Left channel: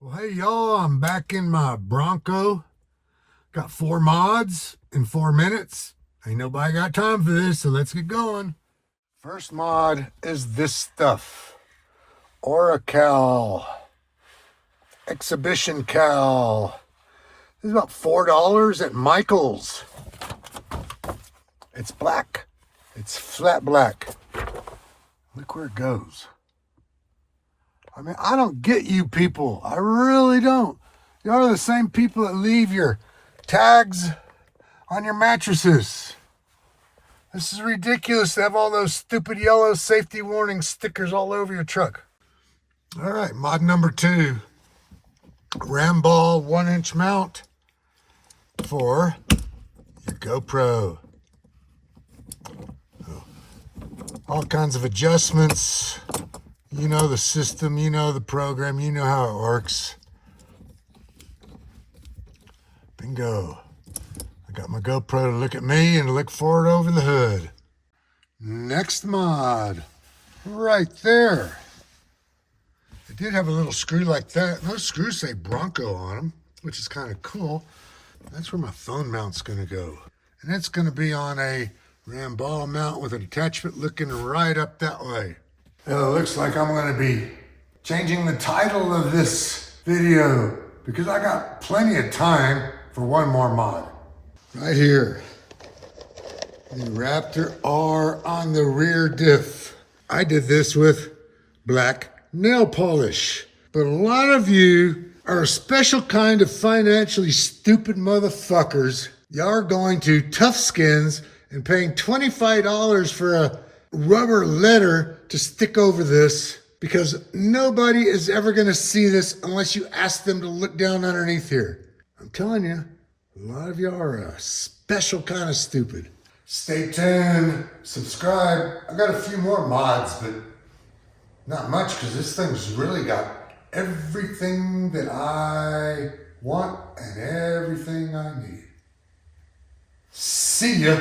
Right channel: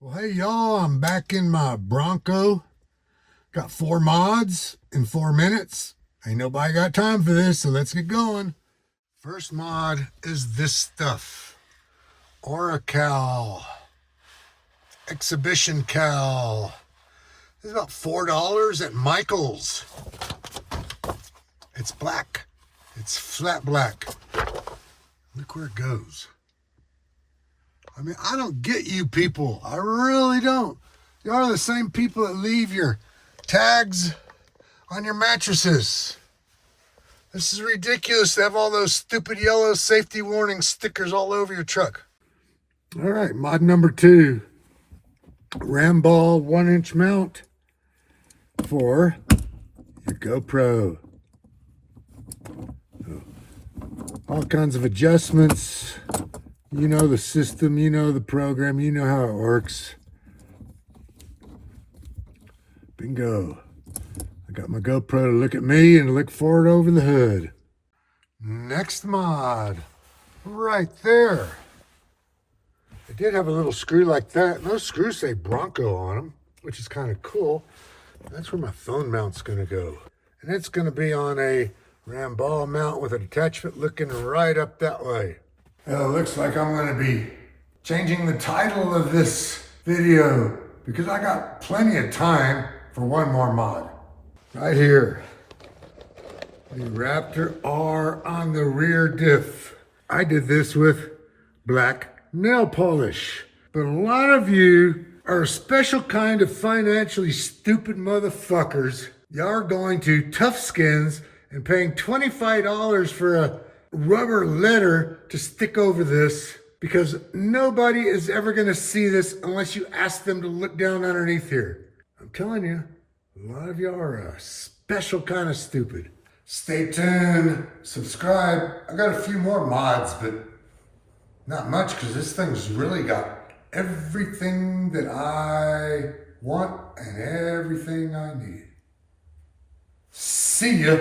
Well, hey y'all, I'm back in my Bronco. Got 4 mods in 4 minutes. Ain't nobody got time for this, so let's get going. First mod is this stuff. Oracal. Exhibition Cal. This is about $4 at Michael's. It's black. It's flat black. Look where it goes. I mean, I don't get you people. I really don't. Y'all are the same people that leave your tags on your mattresses. This is ridiculous to have all those stupid yellow safety warning stickers all over your truck. All right, mod number 2. Ramball 1-inch mount for the GoPro. All kinds of adjustments. You know the system, you know the program, you know how it works. Bingo. I got my GoPro to look at me and look forward over the hood. Next mod, right there. It did have a little screw like that. Those screws say Bronco on them, which is kind of cool. That's where my phone mount's gonna go. And it's gonna be on a Ramball mount with an attachment looking right up that way. It looks like I'm going to be changing the title of this video because I got plenty of time for one more mod. Right here, the Raptor R on the rear diff. I did this with black nail polish, but a lot of you are a special kind of financially stupid motherfuckers. Y'all are going to Tough Skins and paying $25 for a rubber letter to stick over this because nobody is ever going to see this unless you ask them to look down underneath here. I'm telling you, a lot of y'all are a special kind of stupid. Stay tuned, subscribe. I got a few more mods, but not much because this thing's really got everything that I want and everything I need. See ya.